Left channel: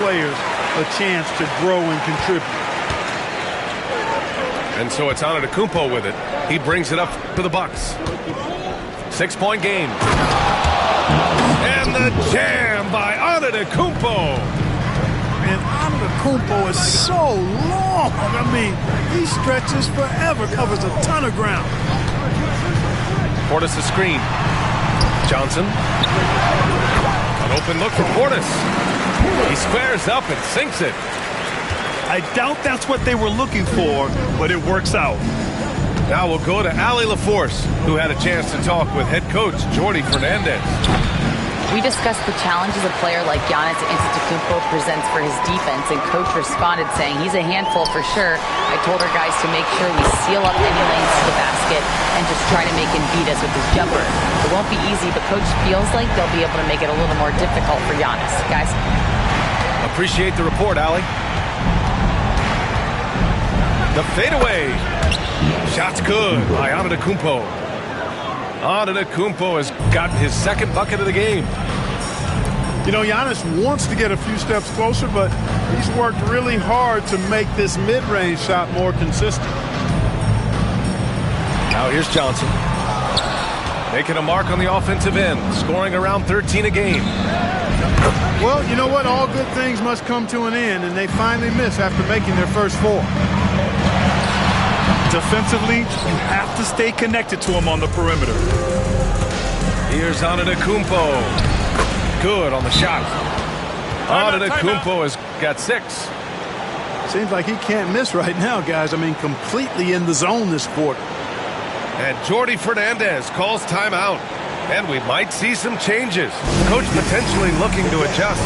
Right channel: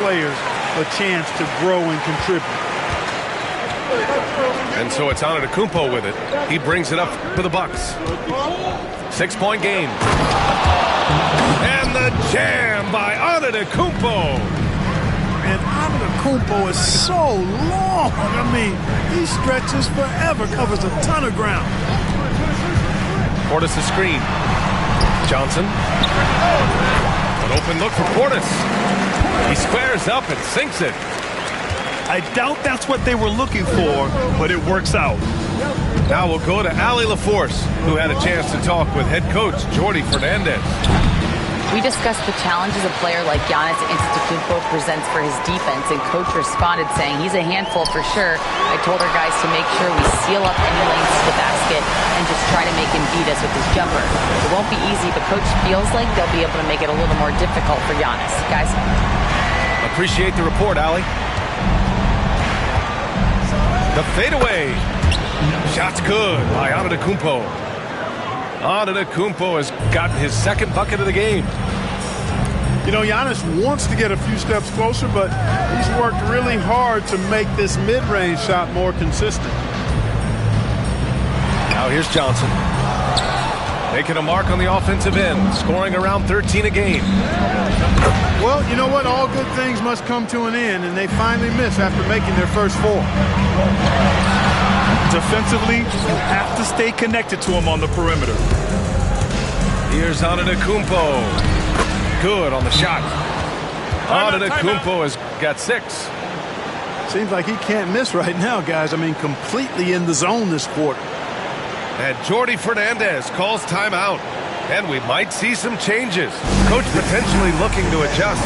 players a chance to grow and contribute. And so it's Antetokounmpo with it. He brings it up for the Bucks. 6-point game. And the jam by Antetokounmpo. And Antetokounmpo is so long. I mean, he stretches forever, covers a ton of ground. Portis a screen. Johnson. An open look for Portis. He squares up and sinks it. I doubt that's what they were looking for, but it works out. Now we'll go to Allie LaForce, who had a chance to talk with head coach Jordi Fernandez. We discussed the challenges a player like Giannis Antetokounmpo presents for his defense, and coach responded saying he's a handful for sure. I told our guys to make sure we seal up any lanes to the basket and just try to make him beat us with his jumper. It won't be easy, but coach feels like they'll be able to make it a little more difficult for Giannis. Guys? Appreciate the report, Allie. The fadeaway. Shot's good by Antetokounmpo. Antetokounmpo has gotten his second bucket of the game. You know, Giannis wants to get a few steps closer, but he's worked really hard to make this mid-range shot more consistent. Now here's Johnson. Making a mark on the offensive end, scoring around 13 a game. Well, you know what? All good things must come to an end, and they finally miss after making their first 4. Defensively, you have to stay connected to him on the perimeter. Here's Antetokounmpo. Good on the shot. Antetokounmpo has got 6. Seems like he can't miss right now, guys. I mean, completely in the zone this quarter. And Jordi Fernandez calls timeout. And we might see some changes. Coach potentially looking to adjust.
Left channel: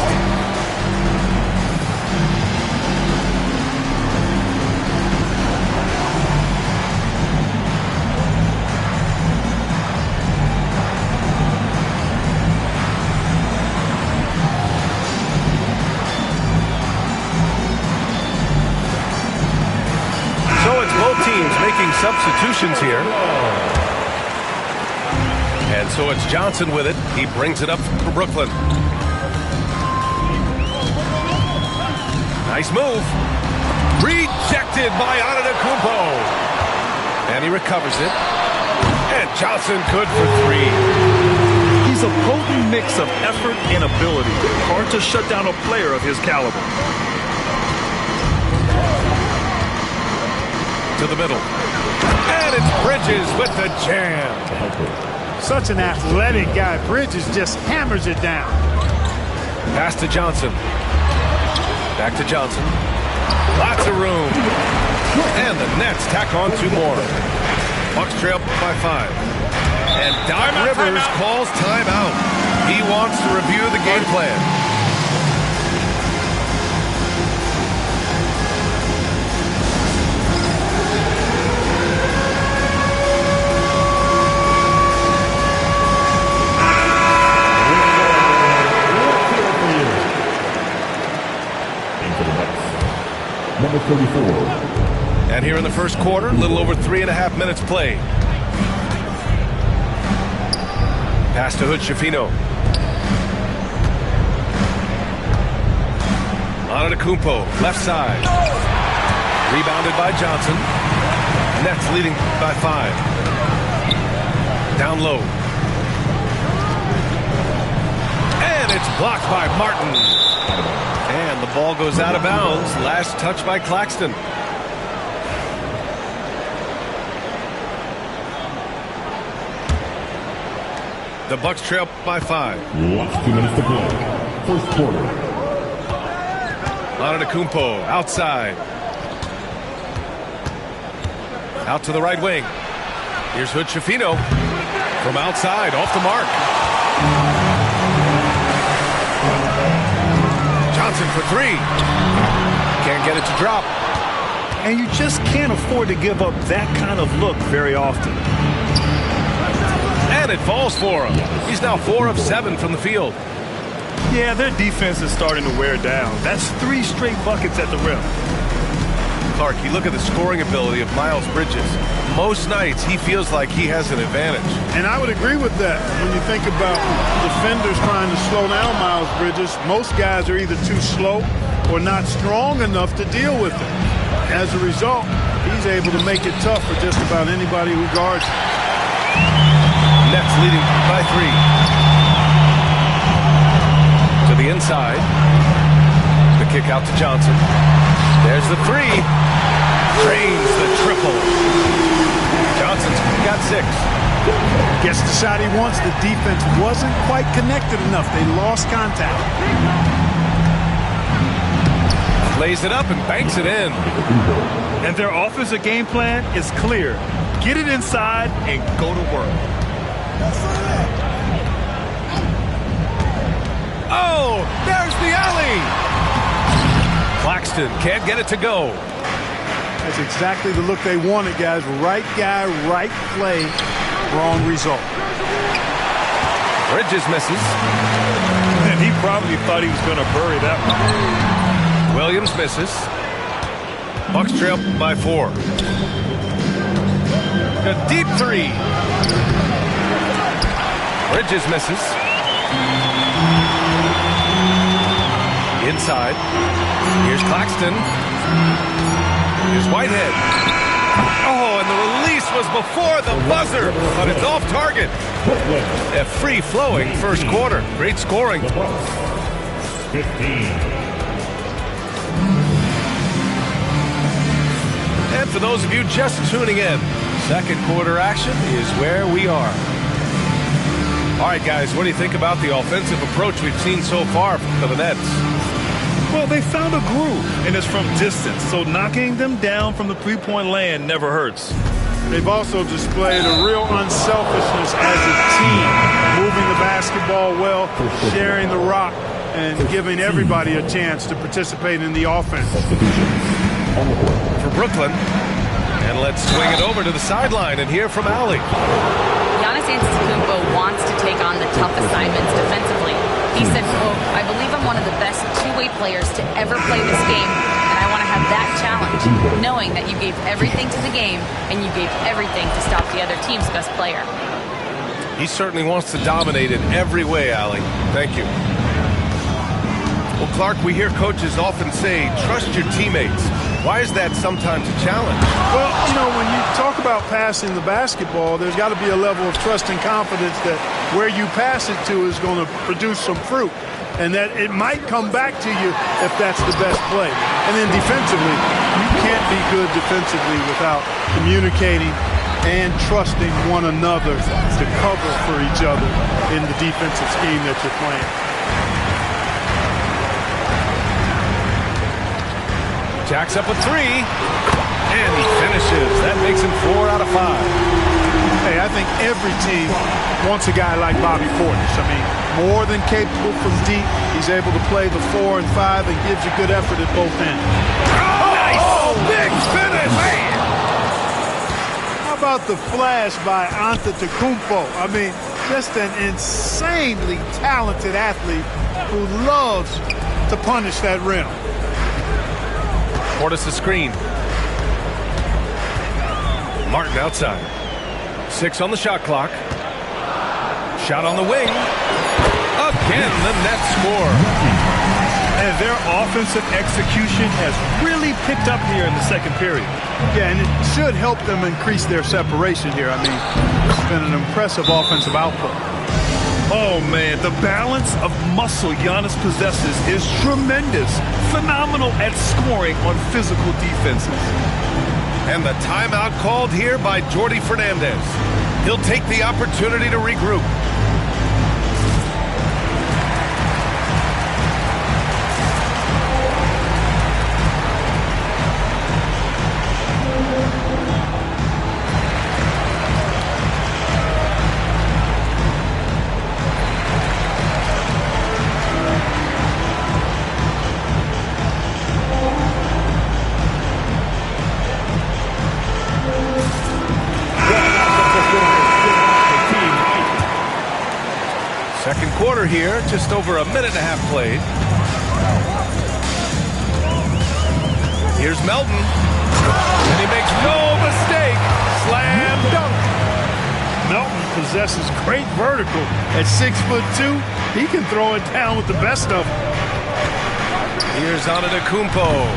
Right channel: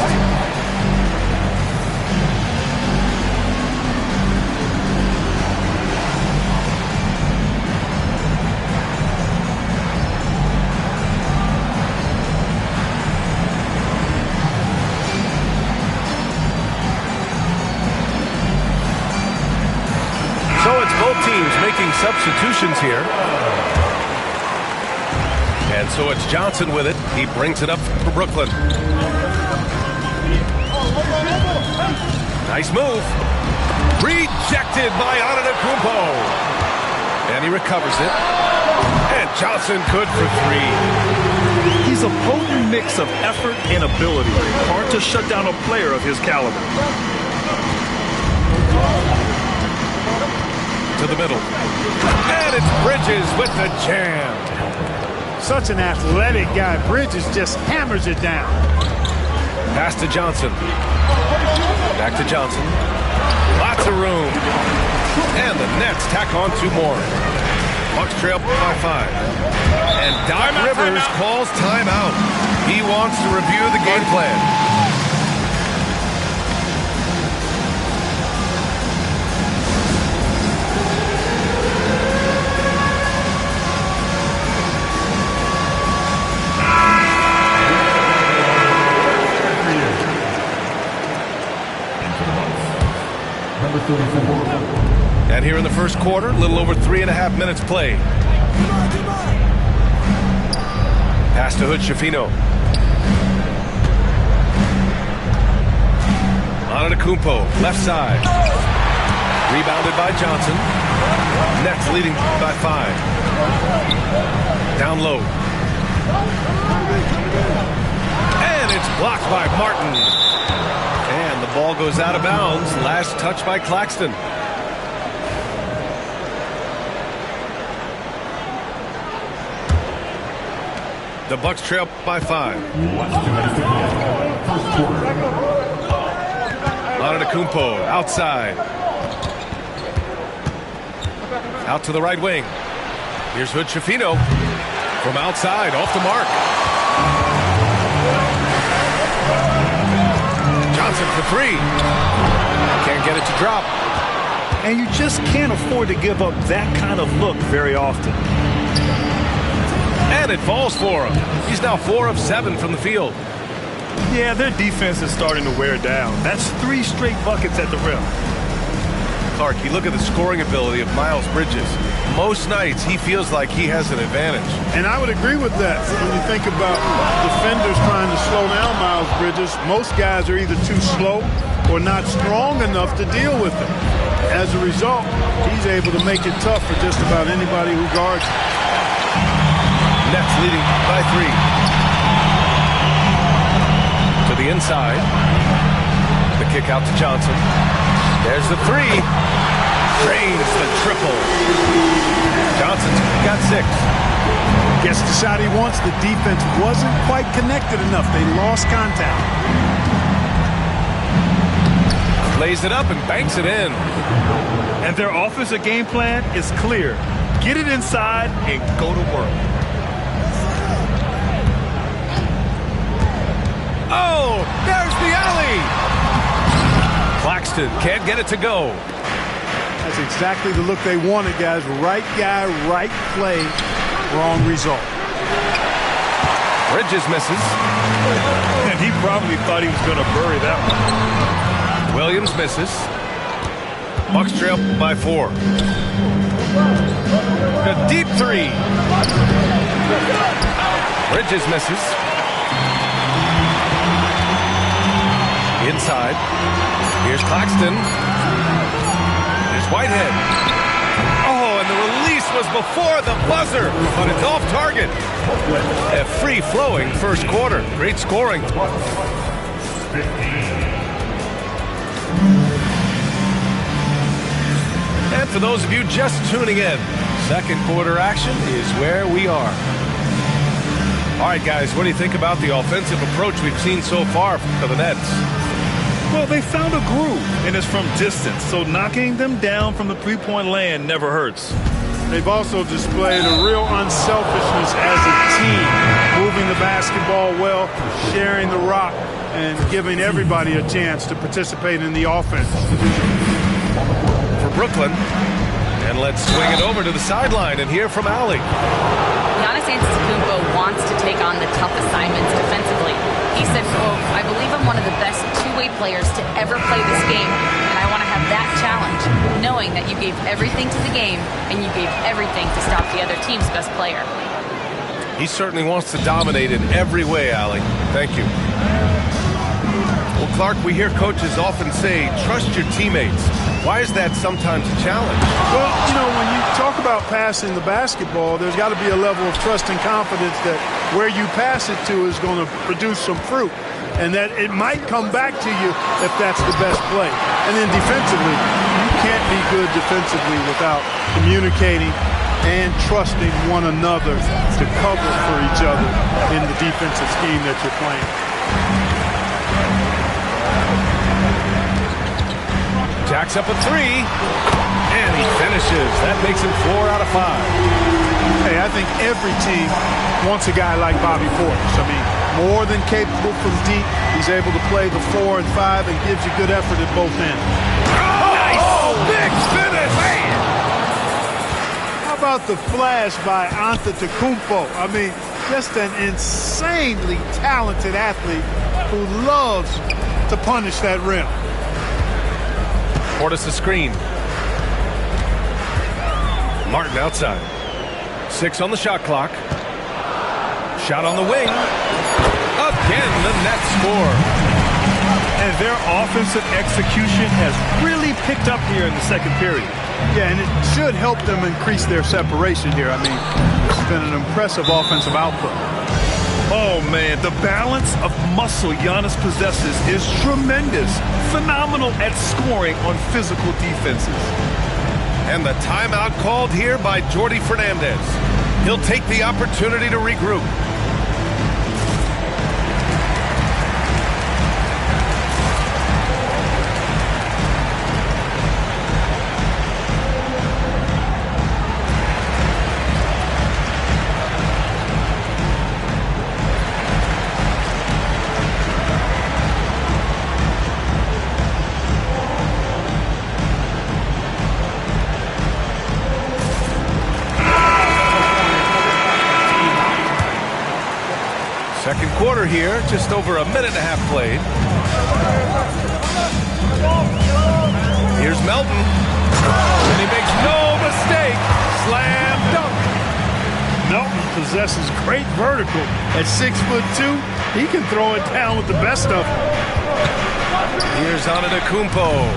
So it's both teams making substitutions here. And so it's Johnson with it. He brings it up for Brooklyn. Nice move. Rejected by Antetokounmpo. And he recovers it. And Johnson good for 3. He's a potent mix of effort and ability. Hard to shut down a player of his caliber. To the middle. And it's Bridges with the jam. Such an athletic guy. Bridges just hammers it down. Pass to Johnson. Back to Johnson. Lots of room. And the Nets tack on 2 more. Bucks trail by 5. And Doc Rivers calls timeout. He wants to review the game plan. Number 34. And here in the first quarter, a little over 3.5 minutes played. Pass to Hood-Schifino. Antetokounmpo, left side. Rebounded by Johnson. Nets leading by 5. Down low. And it's blocked by Martin. And the ball goes out of bounds. Last touch by Claxton. The Bucks trail by 5. Last 2 minutes to play. First quarter. Antetokounmpo outside. Out to the right wing. Here's Hood-Schifino from outside, off the mark. Johnson for 3. Can't get it to drop. And you just can't afford to give up that kind of look very often. And it falls for him. He's now 4 of 7 from the field. Yeah, their defense is starting to wear down. That's 3 straight buckets at the rim. Clark, you look at the scoring ability of Miles Bridges. Most nights, he feels like he has an advantage. And I would agree with that. When you think about defenders trying to slow down Miles Bridges, most guys are either too slow or not strong enough to deal with him. As a result, he's able to make it tough for just about anybody who guards him. Nets leading by 3. To the inside. The kick out to Johnson. There's the 3. Drains the triple. Johnson's got 6. Gets the shot he wants. The defense wasn't quite connected enough. They lost contact. Lays it up and banks it in. And their offensive game plan is clear. Get it inside and go to work. Oh, there's the alley. Claxton can't get it to go. That's exactly the look they wanted, guys. Right guy, right play, wrong result. Bridges misses. And he probably thought he was going to bury that one. Williams misses. Bucks trail by 4. A deep 3. Bridges misses. Inside. Here's Claxton. Here's Whitehead. Oh, and the release was before the buzzer, but it's off target. A free-flowing first quarter. Great scoring. 15. And for those of you just tuning in, second quarter action is where we are. All right, guys, what do you think about the offensive approach we've seen so far for the Nets? Well, they found a groove, and it's from distance, so knocking them down from the three-point land never hurts. They've also displayed a real unselfishness as a team, moving the basketball well, sharing the rock, and giving everybody a chance to participate in the offense. For Brooklyn, and let's swing it over to the sideline and hear from Allie. Giannis Antetokounmpo wants to take on the tough assignments defensively. He said, quote, "I believe I'm one of the best two-way players to ever play this game, and I want to have that challenge, knowing that you gave everything to the game and you gave everything to stop the other team's best player." He certainly wants to dominate in every way, Allie. Thank you. Well, Clark, we hear coaches often say, trust your teammates. Why is that sometimes a challenge? Well, you know, when you talk about passing the basketball, there's got to be a level of trust and confidence that where you pass it to is going to produce some fruit, and that it might come back to you if that's the best play. And then defensively, you can't be good defensively without communicating and trusting one another to cover for each other in the defensive scheme that you're playing. Jacks up a 3, and he finishes. That makes him 4 out of 5. Hey, I think every team wants a guy like Bobby Portis. I mean, more than capable from deep. He's able to play the 4 and 5 and gives you good effort at both ends. Oh, big finish! Man! How about the flash by Antetokounmpo? I mean, just an insanely talented athlete who loves to punish that rim. Portis a screen. Martin outside. 6 on the shot clock. Shot on the wing. Again, the Nets score. And their offensive execution has really picked up here in the second period. Yeah, and it should help them increase their separation here. I mean, it's been an impressive offensive output. Oh, man, the balance of muscle Giannis possesses is tremendous. Phenomenal at scoring on physical defenses. And the timeout called here by Jordi Fernandez. He'll take the opportunity to regroup. Second quarter here, just over a minute and a half played. Here's Melton. And he makes no mistake. Slam dunk. Melton possesses great vertical. At 6'2", he can throw it down with the best of them. Here's Antetokounmpo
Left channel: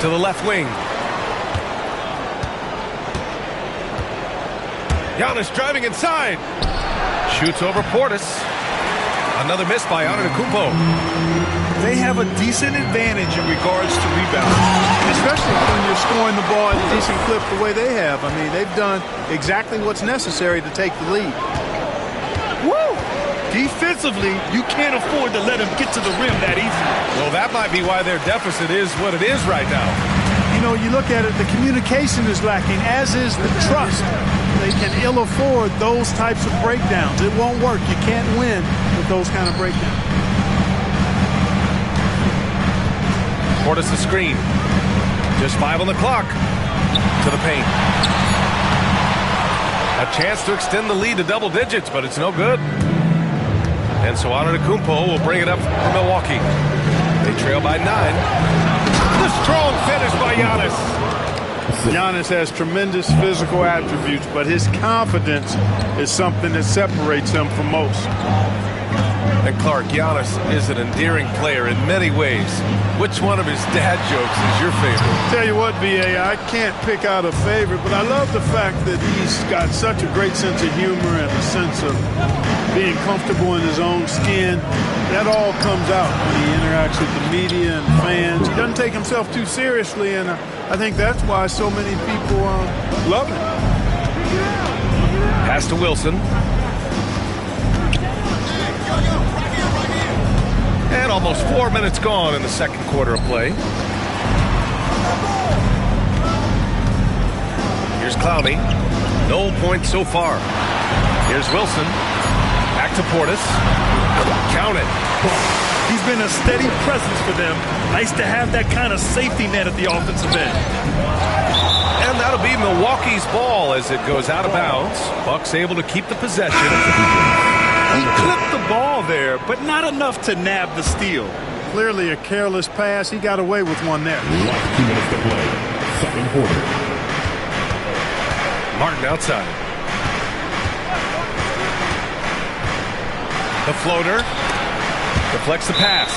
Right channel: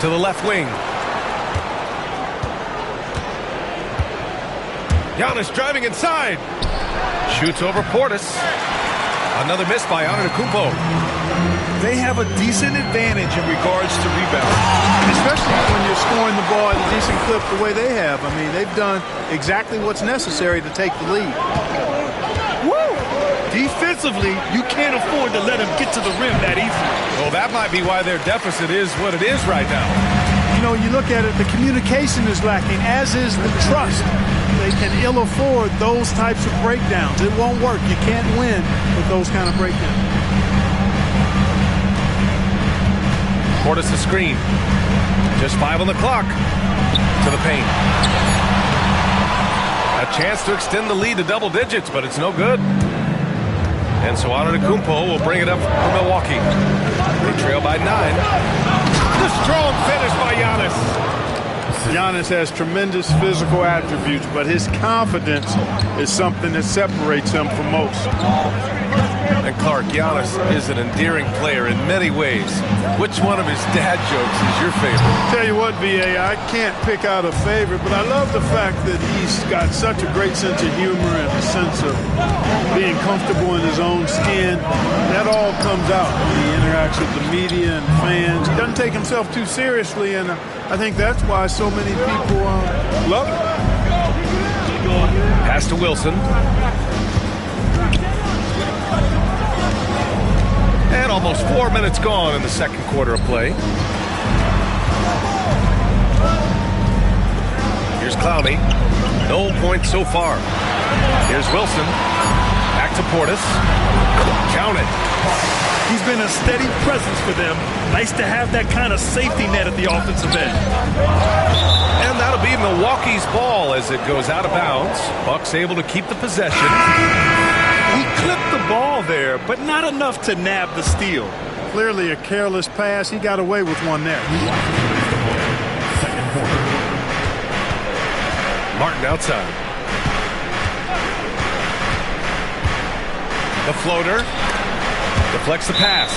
to the left wing. Giannis driving inside. Shoots over Portis. Another miss by Antetokounmpo. They have a decent advantage in regards to rebounding. Especially when you're scoring the ball at a decent clip the way they have. I mean, they've done exactly what's necessary to take the lead. Woo! Defensively, you can't afford to let them get to the rim that easily. Well, that might be why their deficit is what it is right now. You know, you look at it, the communication is lacking, as is the trust. They can ill afford those types of breakdowns. It won't work. You can't win with those kind of breakdowns. Portis the screen. Just 5 on the clock. To the paint. A chance to extend the lead to double digits, but it's no good. And so Antetokounmpo will bring it up for Milwaukee. They trail by 9. The strong finish by Giannis. Giannis has tremendous physical attributes, but his confidence is something that separates him from most. And Clark, Giannis is an endearing player in many ways. Which one of his dad jokes is your favorite? Tell you what, B.A., I can't pick out a favorite, but I love the fact that he's got such a great sense of humor and a sense of being comfortable in his own skin. That all comes out when he interacts with the media and fans. He doesn't take himself too seriously, and I think that's why so many people love him. Pass to Wilson. And almost 4 minutes gone in the second quarter of play. Here's Clowney. No points so far. Here's Wilson. Back to Portis. Count it. He's been a steady presence for them. Nice to have that kind of safety net at the offensive end. And that'll be Milwaukee's ball as it goes out of bounds. Bucks able to keep the possession. He clipped the ball there, but not enough to nab the steal. Clearly a careless pass. He got away with one there. Last 2 minutes to play. Second quarter. Martin outside. The floater. Deflects the pass.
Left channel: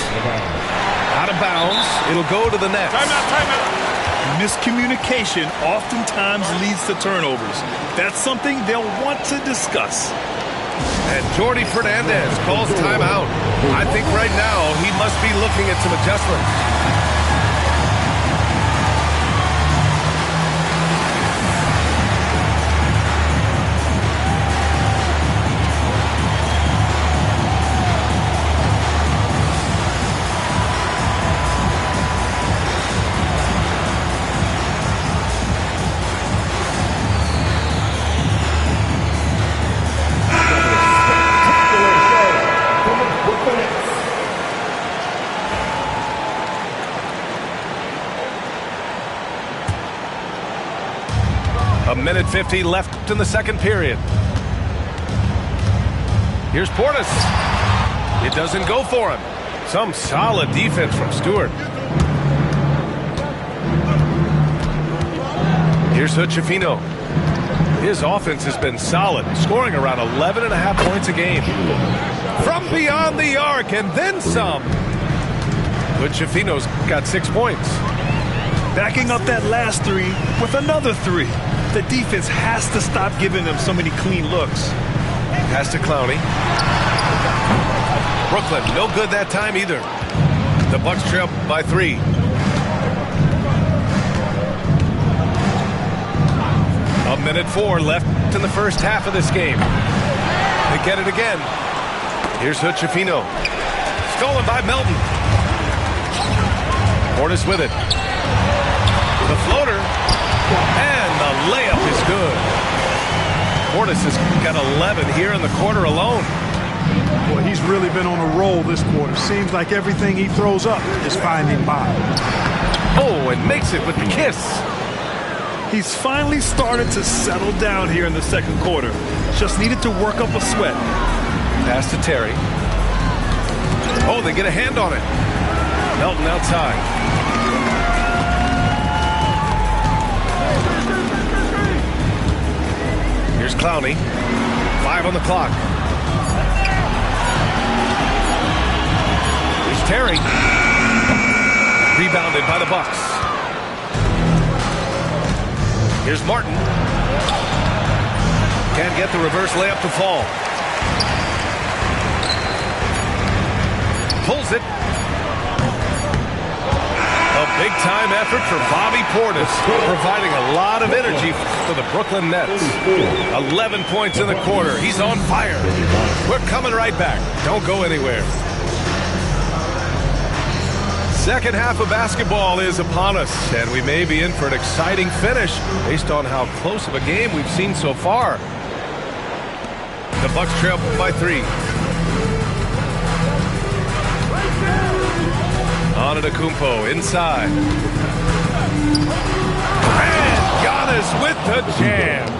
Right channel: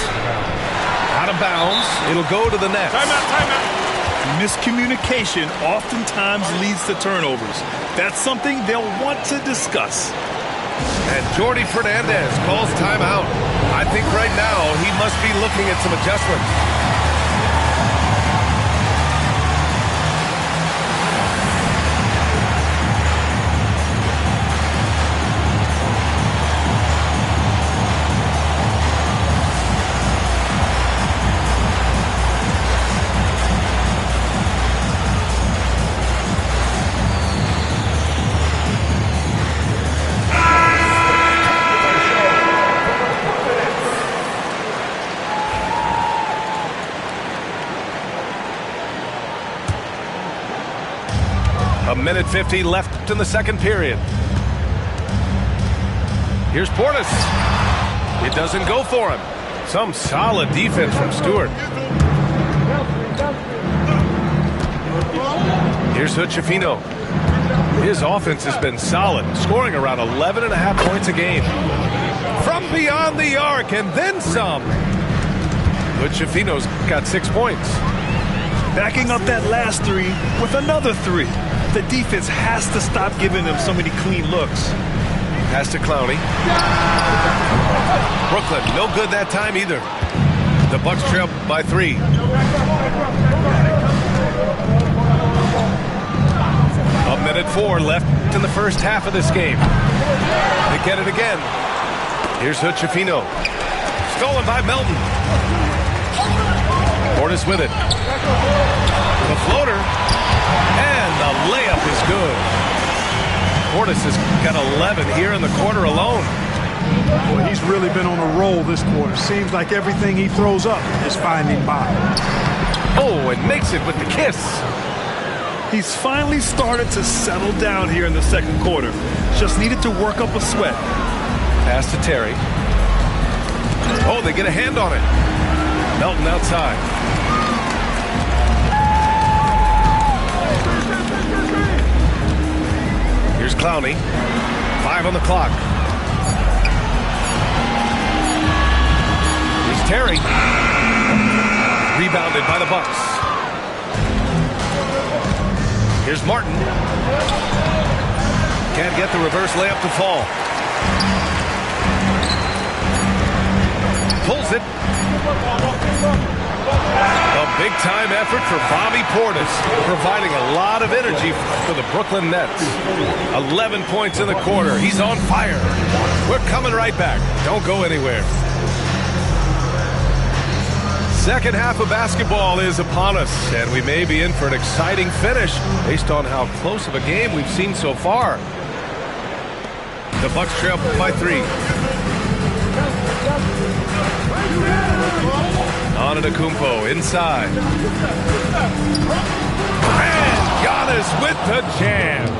Out of bounds. It'll go to the net. Timeout. Miscommunication oftentimes leads to turnovers. That's something they'll want to discuss. And Jordi Fernandez calls timeout. I think right now he must be looking at some adjustments. A minute 50 left in the second period. Here's Portis. It doesn't go for him. Some solid defense from Stewart. Here's Hood-Schifino. His offense has been solid, scoring around 11.5 points a game. From beyond the arc and then some. Hood-Schifino's got 6 points. Backing up that last three with another three. The defense has to stop giving them so many clean looks. Pass to Clowney. Brooklyn, no good that time either. The Bucks trail by 3. A minute 4 left in the first half of this game. They get it again. Here's Hood-Schifino. Stolen by Melton. Portis with it. The floater. And the layup is good. Portis has got 11 here in the quarter alone. Boy, he's really been on a roll this quarter. Seems like everything he throws up is finding bottom. Oh, and makes it with the kiss. He's finally started to settle down here in the second quarter. Just needed to work up a sweat. Pass to Terry. Oh, they get a hand on it. Melton outside. Here's Clowney. 5 on the clock. Here's Terry. Rebounded by the Bucks. Here's Martin. Can't get the reverse layup to fall. Pulls it. A big-time effort for Bobby Portis, providing a lot of energy for the Brooklyn Nets. 11 points in the quarter. He's on fire. We're coming right back. Don't go anywhere. Second half of basketball is upon us, and we may be in for an exciting finish based on how close of a game we've seen so far. The Bucks trail by 3. Antetokounmpo inside. And Giannis with the jam.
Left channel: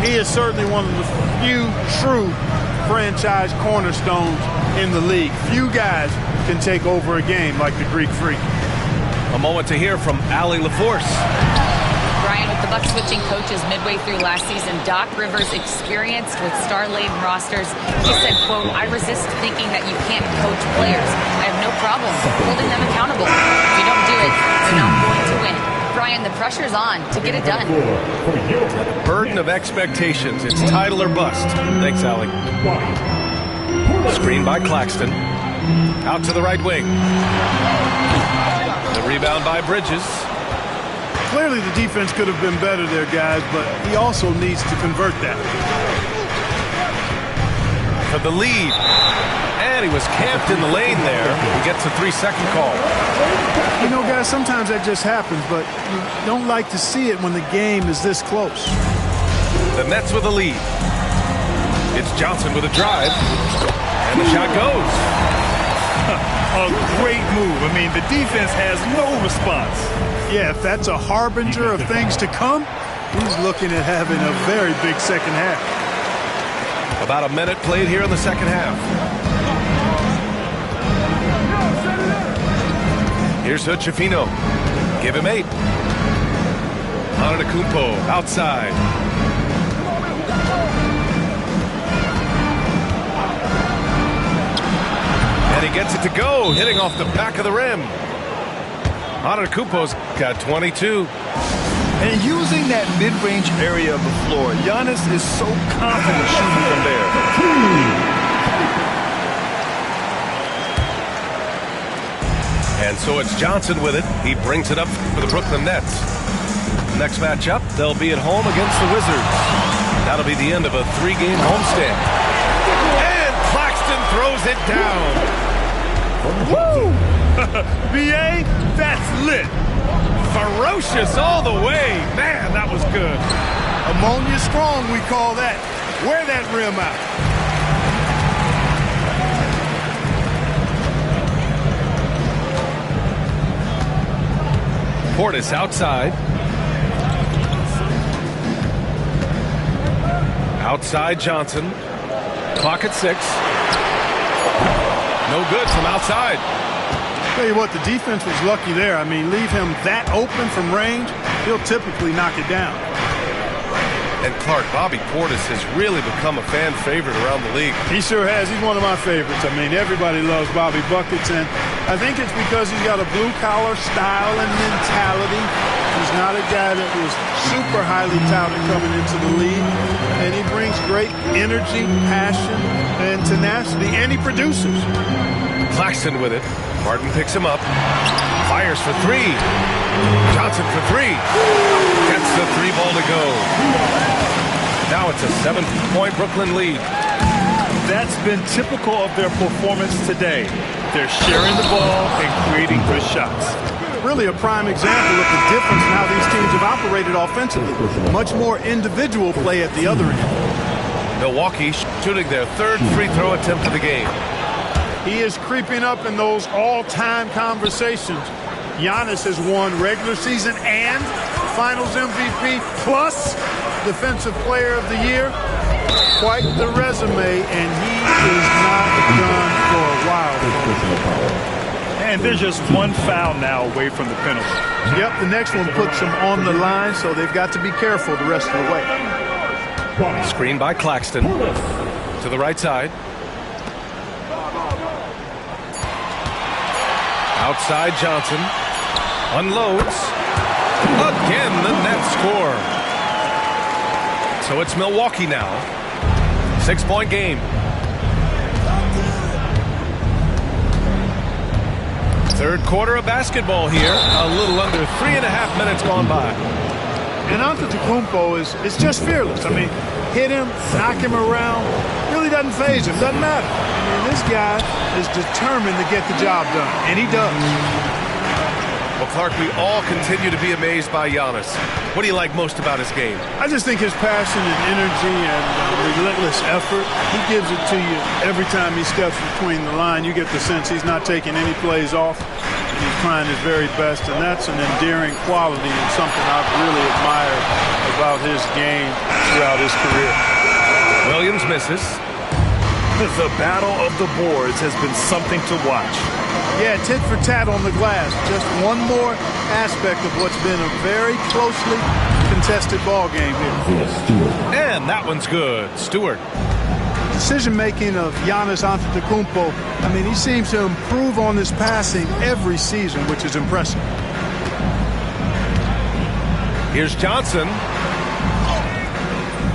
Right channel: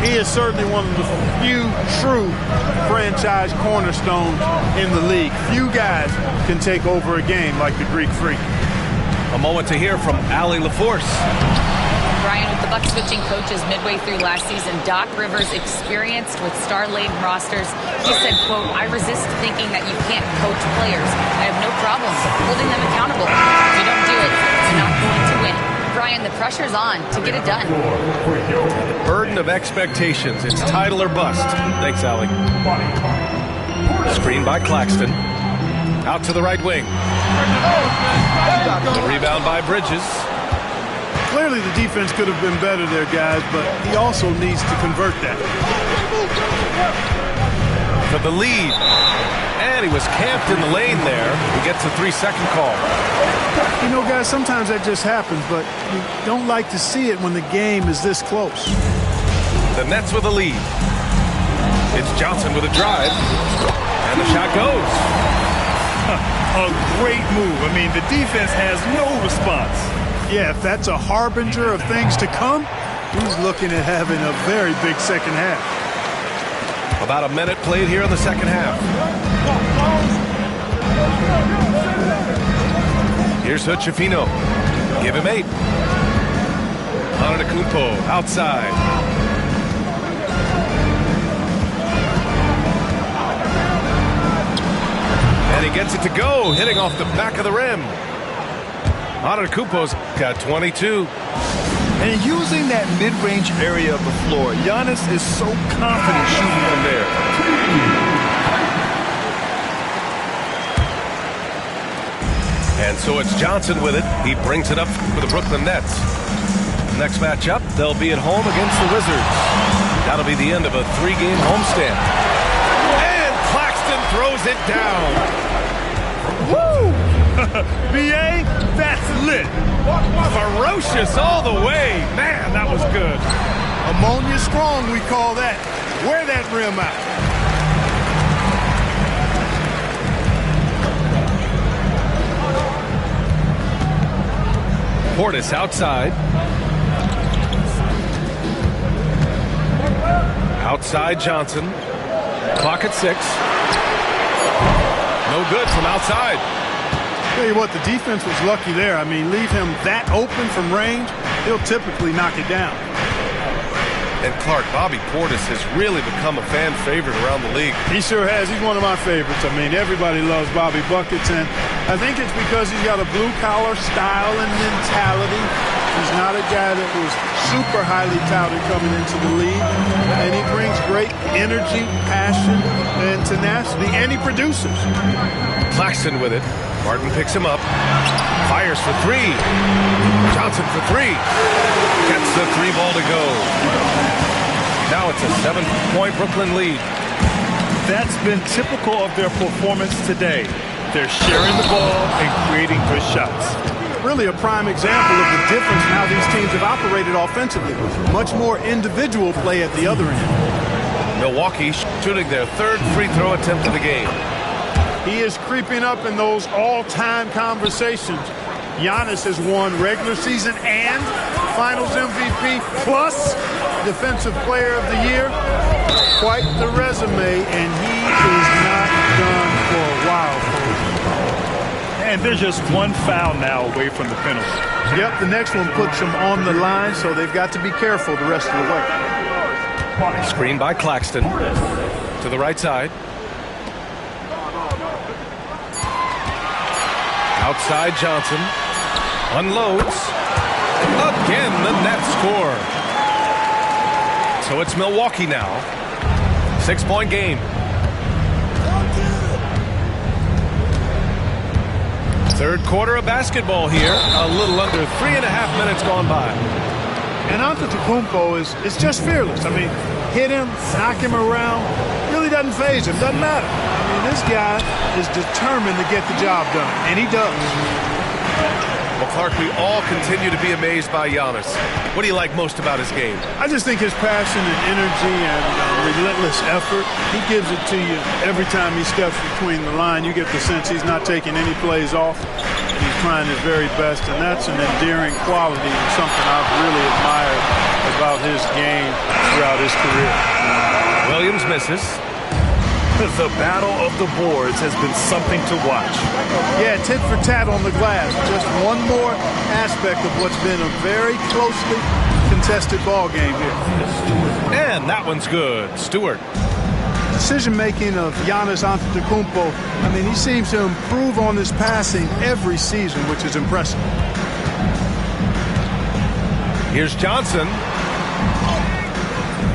He is certainly one of the few true franchise cornerstones in the league. Few guys can take over a game like the Greek Freak. A moment to hear from Allie LaForce. Brian, with the Bucks switching coaches midway through last season, Doc Rivers, experienced with star-laden rosters, he said, quote, "I resist thinking that you can't coach players. I have no problem holding them accountable. If you don't do it, you're not going to win." Brian, the pressure's on to get it done. Now, the burden of expectations. It's title or bust. Thanks, Allie. Screen by Claxton. Out to the right wing. The rebound by Bridges. Clearly the defense could have been better there, guys, but he also needs to convert that. For the lead. And he was camped in the lane there. He gets a 3-second call. You know, guys, sometimes that just happens, but you don't like to see it when the game is this close. The Nets with a lead. It's Johnson with a drive. And the shot goes. A great move. I mean, the defense has no response. Yeah, if that's a harbinger of things to come, he's looking at having a very big second half. About a minute played here in the second half. Here's Hutchefino. Give him 8. Antetokounmpo outside. And he gets it to go, hitting off the back of the rim. Antetokounmpo's got 22. And using that mid-range area of the floor, Giannis is so confident shooting from there. And so it's Johnson with it. He brings it up for the Brooklyn Nets. Next matchup, they'll be at home against the Wizards. That'll be the end of a 3-game homestand. And Claxton throws it down. Woo! B.A., that's lit. Ferocious all the way. Man, that was good. Ammonia strong, we call that. Wear that rim out. Portis outside. Outside Johnson. Clock at 6. No good from outside. Tell you what, the defense was lucky there. I mean, leave him that open from range, he'll typically knock it down. And Clark, Bobby Portis has really become a fan favorite around the league. He sure has. He's one of my favorites. I mean, everybody loves Bobby Buckets, and I think it's because he's got a blue-collar style and mentality. He's not a guy that was super highly touted coming into the league, and he brings great energy, passion, and tenacity, and he produces. Claxton with it. Martin picks him up. Fires for 3. Johnson for 3. Gets the 3 ball to go. Now it's a 7-point Brooklyn lead. That's been typical of their performance today. They're sharing the ball and creating good shots. Really a prime example of the difference in how these teams have operated offensively. Much more individual play at the other end. Milwaukee shooting their 3rd free throw attempt of the game. He is creeping up in those all-time conversations. Giannis has won regular season and Finals MVP plus Defensive Player of the Year. Quite the resume, and he is not done for a while. And they're just one foul now away from the penalty. Yep, the next one puts them on the line, so they've got to be careful the rest of the way. Screen by Claxton. To the right side. Outside Johnson. Unloads. Again, the Nets score. So it's Milwaukee now. 6-point game. Third quarter of basketball here. A little under 3.5 minutes gone by. And Antetokounmpo is just fearless. I mean, hit him, knock him around, really doesn't faze him, doesn't matter. I mean, this guy is determined to get the job done, and he does. Well, Clark, we all continue to be amazed by Giannis. What do you like most about his game? I just think his passion and energy and relentless effort, he gives it to you every time he steps between the line. You get the sense he's not taking any plays off, and he's trying his very best, and that's an endearing quality and something I've really admired about his game throughout his career. Williams misses. The battle of the boards has been something to watch. Yeah, tit for tat on the glass. Just one more aspect of what's been a very closely contested ball game here. And that one's good. Stewart. Decision-making of Giannis Antetokounmpo, I mean, he seems to improve on his passing every season, which is impressive. Here's Johnson.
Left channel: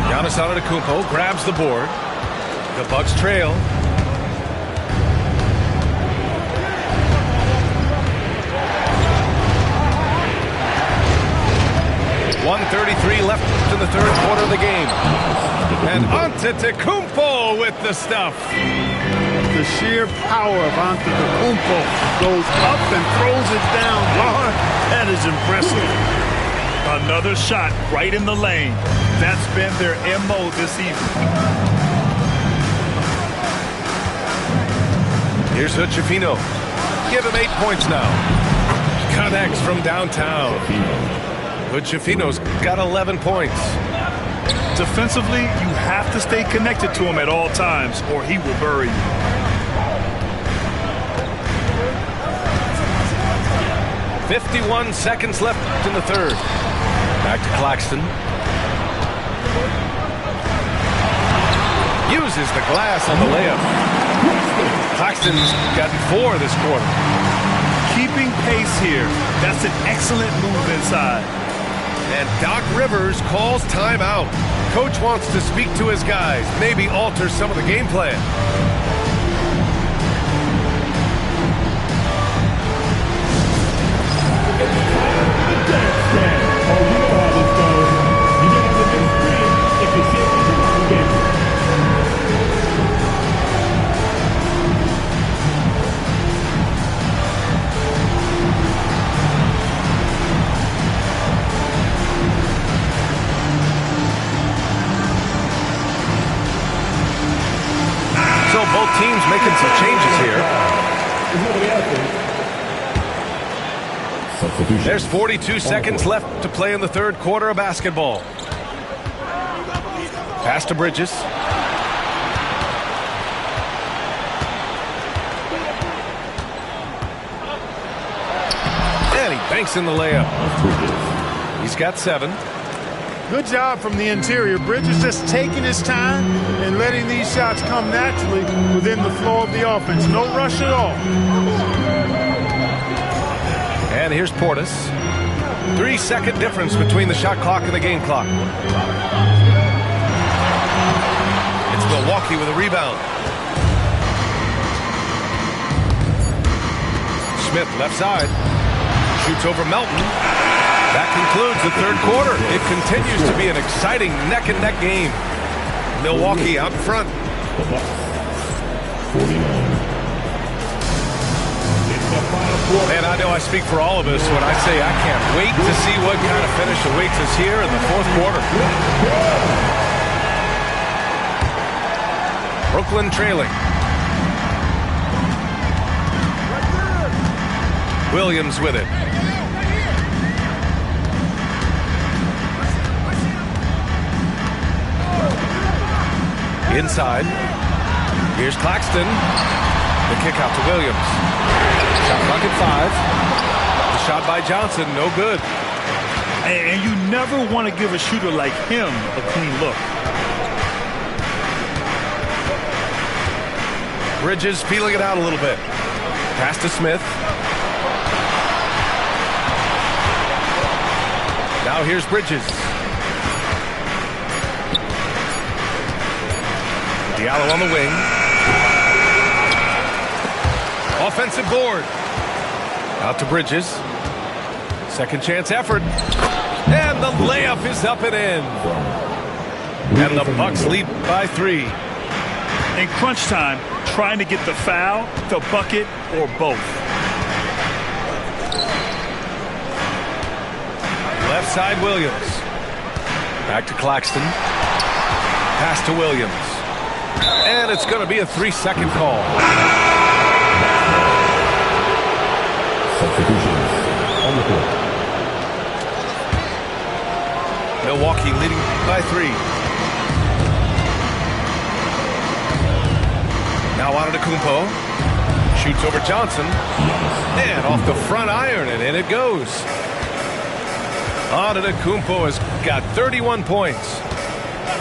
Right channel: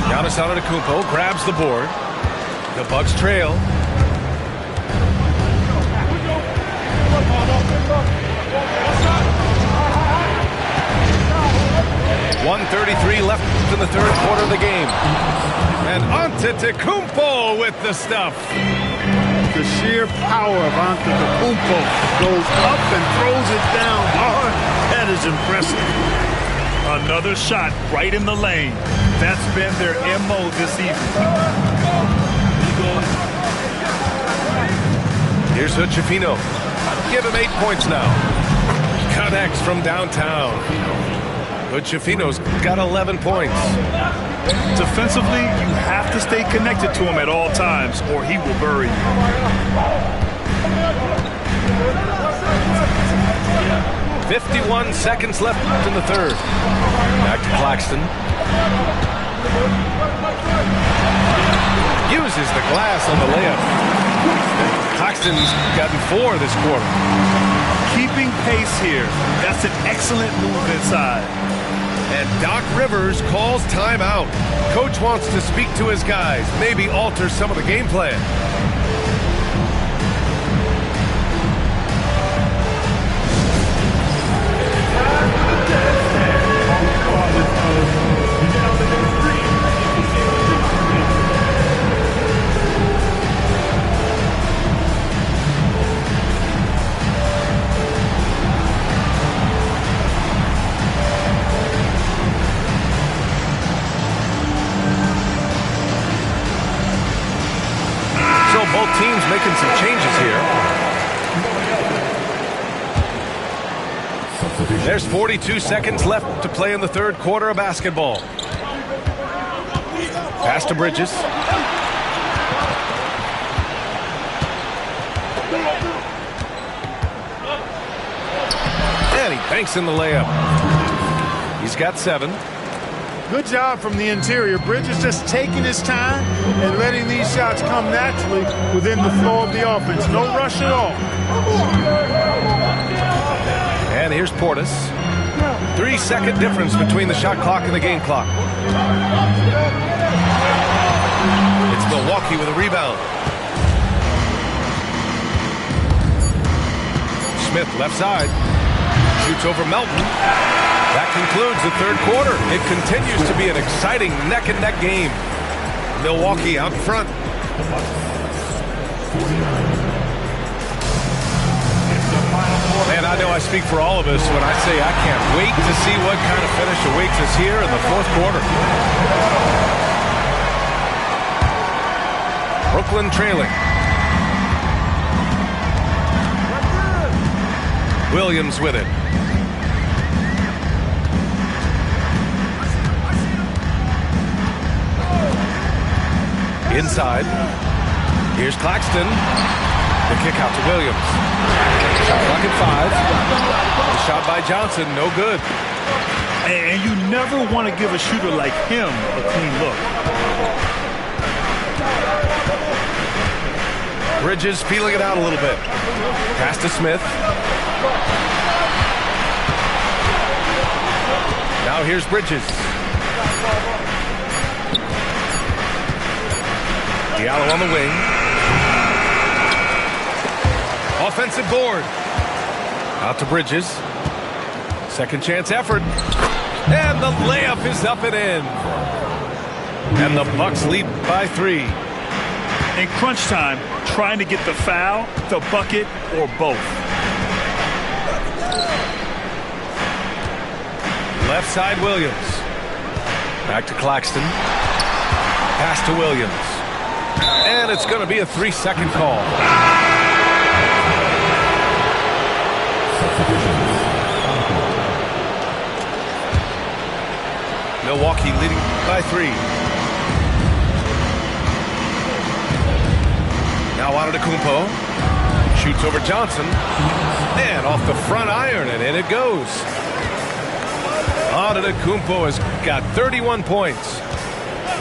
Giannis Antetokounmpo grabs the board. The Bucks trail. .133 left in the third quarter of the game. And Antetokounmpo with the stuff. The sheer power of Antetokounmpo goes up and throws it down hard. That is impressive. Another shot right in the lane. That's been their MO this evening. Here's Hood-Schifino. Give him 8 points now. Connects from downtown. Hood-Schifino's got 11 points. Defensively, you have to stay connected to him at all times, or he will bury you. .51 seconds left in the third. Back to Claxton. Uses the glass on the layup. Claxton's gotten 4 this quarter. Keeping pace here. That's an excellent move inside. And Doc Rivers calls timeout. Coach wants to speak to his guys, maybe alter some of the game plan. So both teams making some changes here. There's 42 seconds left to play in the third quarter of basketball. Pass to Bridges. And he banks in the layup. He's got 7. Good job from the interior. Bridges just taking his time and letting these shots come naturally within the flow of the offense. No rush at all. And here's Portis. 3-second difference between the shot clock and the game clock. It's Milwaukee with a rebound. Smith left side. Shoots over Melton. That concludes the third quarter. It continues to be an exciting neck-and-neck game. Milwaukee out front. 49. Man, I know I speak for all of us when I say I can't wait to see what kind of finish awaits us here in the fourth quarter. Brooklyn trailing. Williams with it. Inside. Here's Claxton. The kick out to Williams. Shot clock at 5. The shot by Johnson, no good. And you never want to give a shooter like him a clean look. Bridges feeling it out a little bit. Pass to Smith. Now here's Bridges. Diallo on the wing. Offensive board. Out to Bridges. Second chance effort. And the layup is up and in. And the Bucks lead by 3. In crunch time, trying to get the foul, the bucket, or both. Left side, Williams. Back to Claxton. Pass to Williams. And it's going to be a 3-second call. Substitutions on the court. Milwaukee leading by 3. Now Antetokounmpo. Shoots over Johnson. And off the front iron, and in it goes. Antetokounmpo has got 31 points.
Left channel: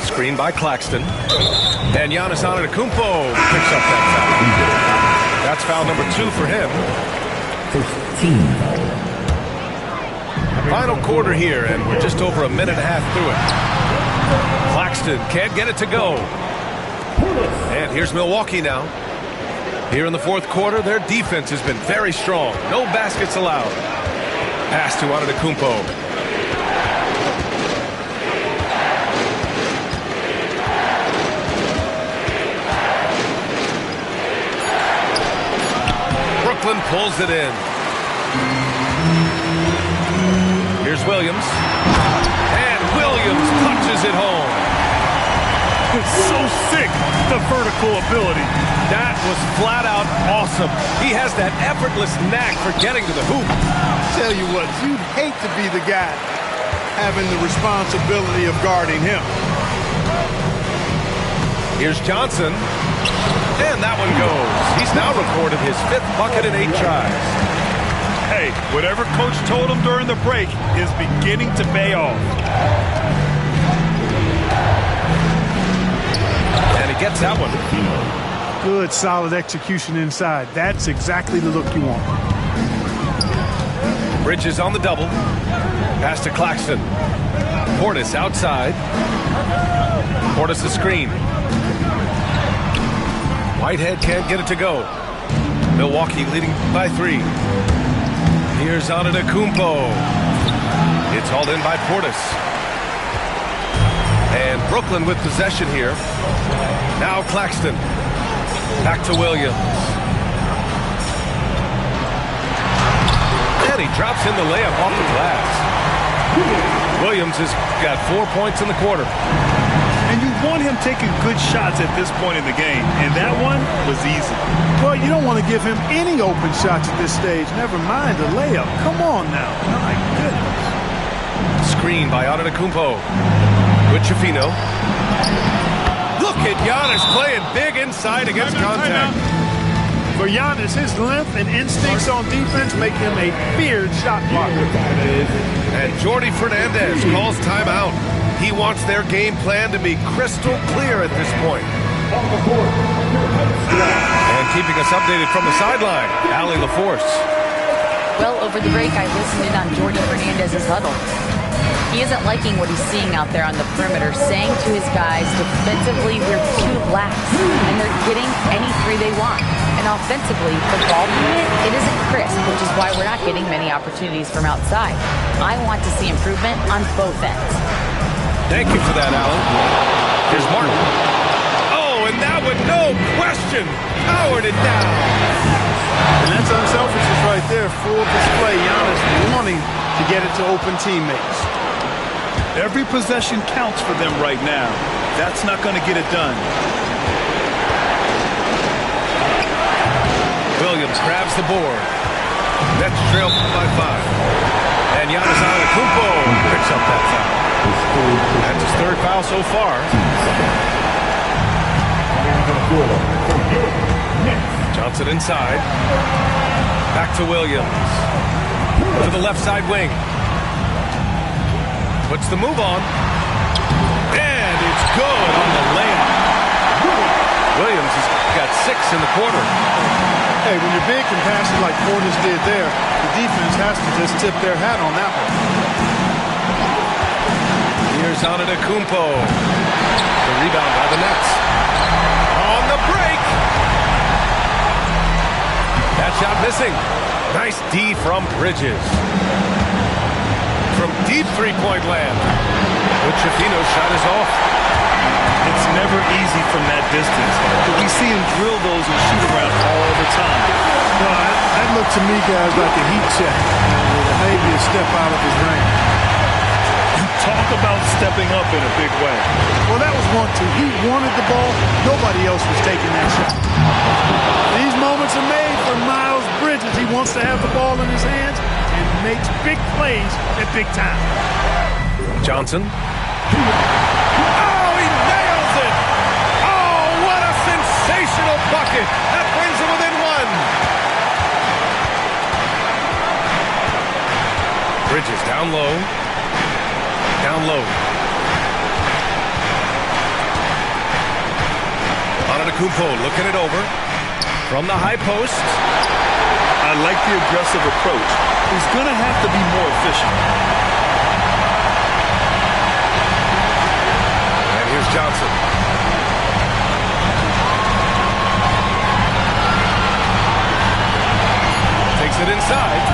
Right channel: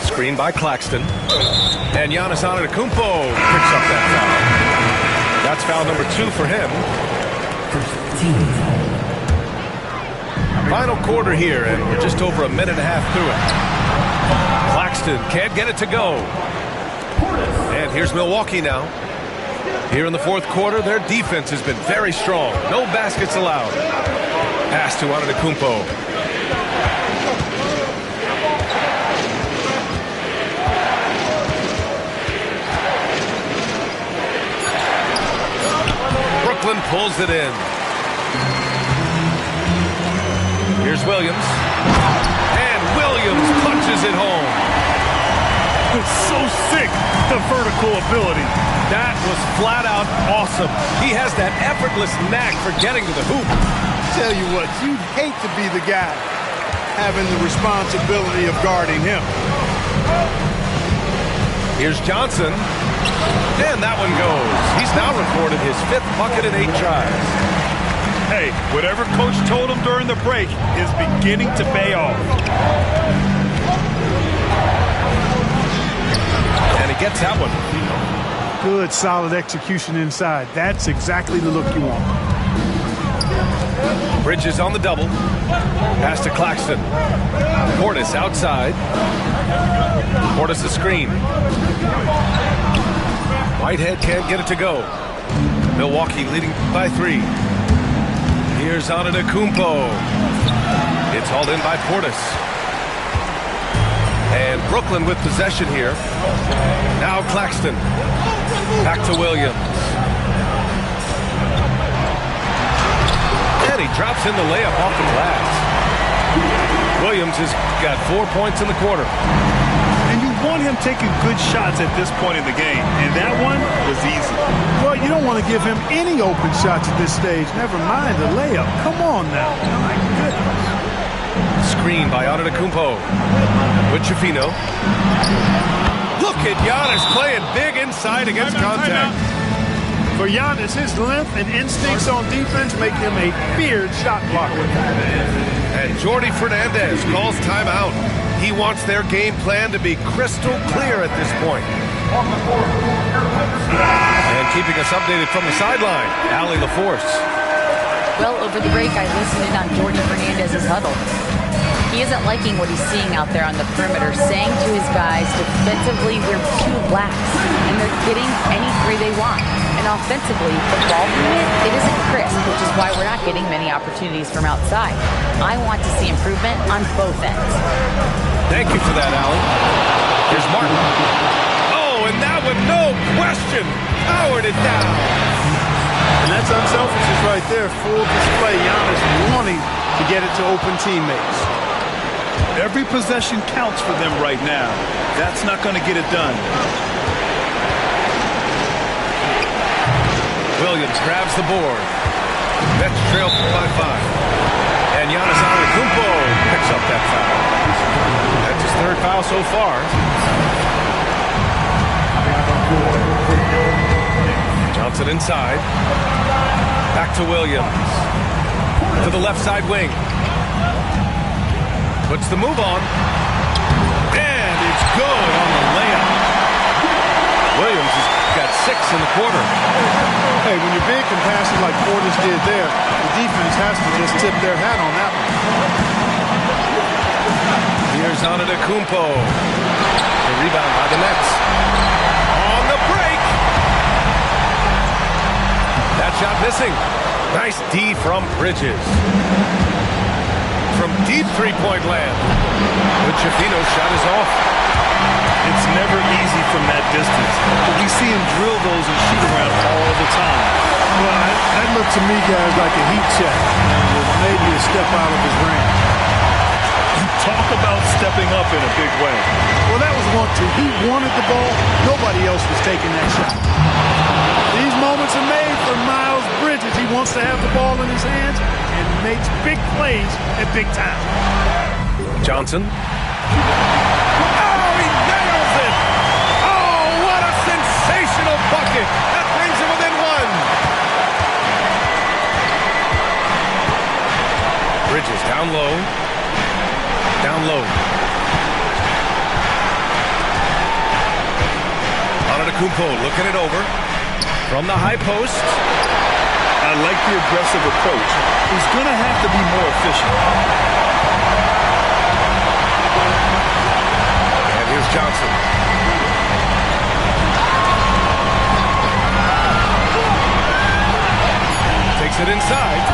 Screen by Claxton. And Giannis Antetokounmpo picks up that foul. That's foul number 2 for him. First team foul. Final quarter here, and we're just over a minute and a half through it. Claxton can't get it to go. And here's Milwaukee now. Here in the fourth quarter, their defense has been very strong. No baskets allowed. Pass to Antetokounmpo. Brooklyn pulls it in. Here's Williams. And Williams punches it home. It's so sick, the vertical ability. That was flat out awesome. He has that effortless knack for getting to the hoop. Tell you what, you'd hate to be the guy having the responsibility of guarding him. Here's Johnson. And that one goes. He's now recorded his 5th bucket in 8 tries. Hey, whatever coach told him during the break is beginning to pay off. And he gets that one. Good, solid execution inside. That's exactly the look you want. Bridges on the double. Pass to Claxton. Portis outside. Portis the screen. Whitehead can't get it to go. Milwaukee leading by 3. Here's Antetokounmpo. It's hauled in by Portis. And Brooklyn with possession here. Now Claxton. Back to Williams. And he drops in the layup off the glass. Williams has got 4 points in the quarter. And you want him taking good shots at this point in the game. And that one was easy. Well, you don't want to give him any open shots at this stage. Never mind a layup. Come on now. My goodness. Screen by Antetokounmpo. With Chifino. Look at Giannis playing big inside against contact. For Giannis, his length and instincts on defense make him a feared shot blocker. And Jordi Fernandez calls timeout. He wants their game plan to be crystal clear at this point. And keeping us updated from the sideline, Allie LaForce. Well, over the break, I listened in on Jordi Fernandez's huddle. He isn't liking what he's seeing out there on the perimeter, saying to his guys, defensively, we're too lax, and they're getting any 3 they want. And offensively, the ball movement, it isn't crisp, which is why we're not getting many opportunities from outside. I want to see improvement on both ends. Thank you for that, Allie. Here's Martin. Oh, and that one, no question, powered it down. And that's unselfishness right there. Full display. Giannis wanting to get it to open teammates. Every possession counts for them right now. That's not going to get it done. Williams grabs the board. Nets trail by 5. And Giannis Antetokounmpo picks up that foul. That's his 3rd foul so far. Johnson inside. Back to Williams. To the left side wing. Puts the move on. And it It's good on the layup. Williams has got 6 in the quarter. Hey, when your big can pass it like Portis did there, the defense has to just tip their hat on that one. Here's Antetokounmpo. The rebound by the Nets. On the break. That shot missing. Nice D from Bridges. From deep three-point land. But Schifino's shot is off. It's never easy from that distance, but we see him drill those and shoot around all the time. Well, that looked to me, guys, like a heat check. With maybe a step out of his range. Talk about stepping up in a big way. Well, that was 1-2. He wanted the ball. Nobody else was taking that shot. These moments are made for Miles Bridges. He wants to have the ball in his hands and makes big plays at big time. Johnson. Oh, he nails it! Oh, what a sensational bucket! That brings him within 1. Bridges down low. Down low. Antetokounmpo looking it over. From the high post. I like the aggressive approach. He's going to have to be more efficient. And here's Johnson. Takes it inside.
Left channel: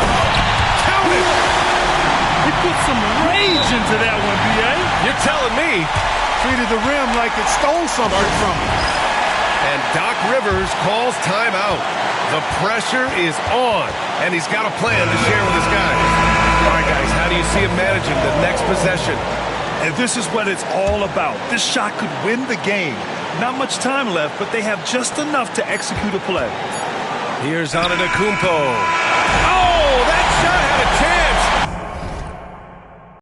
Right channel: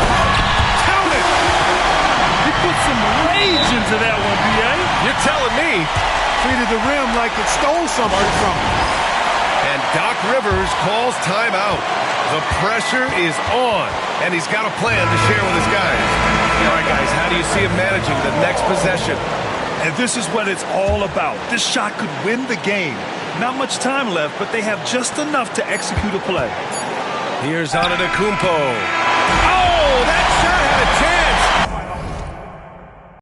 Count it! He put some rage into that one, B.A. You're telling me. Treated the rim like it stole something from him. And Doc Rivers calls timeout. The pressure is on, and he's got a plan to share with his guys. All right, guys, how do you see him managing the next possession? And this is what it's all about. This shot could win the game. Not much time left, but they have just enough to execute a play. Here's Antetokounmpo. Oh, that shot had a chance.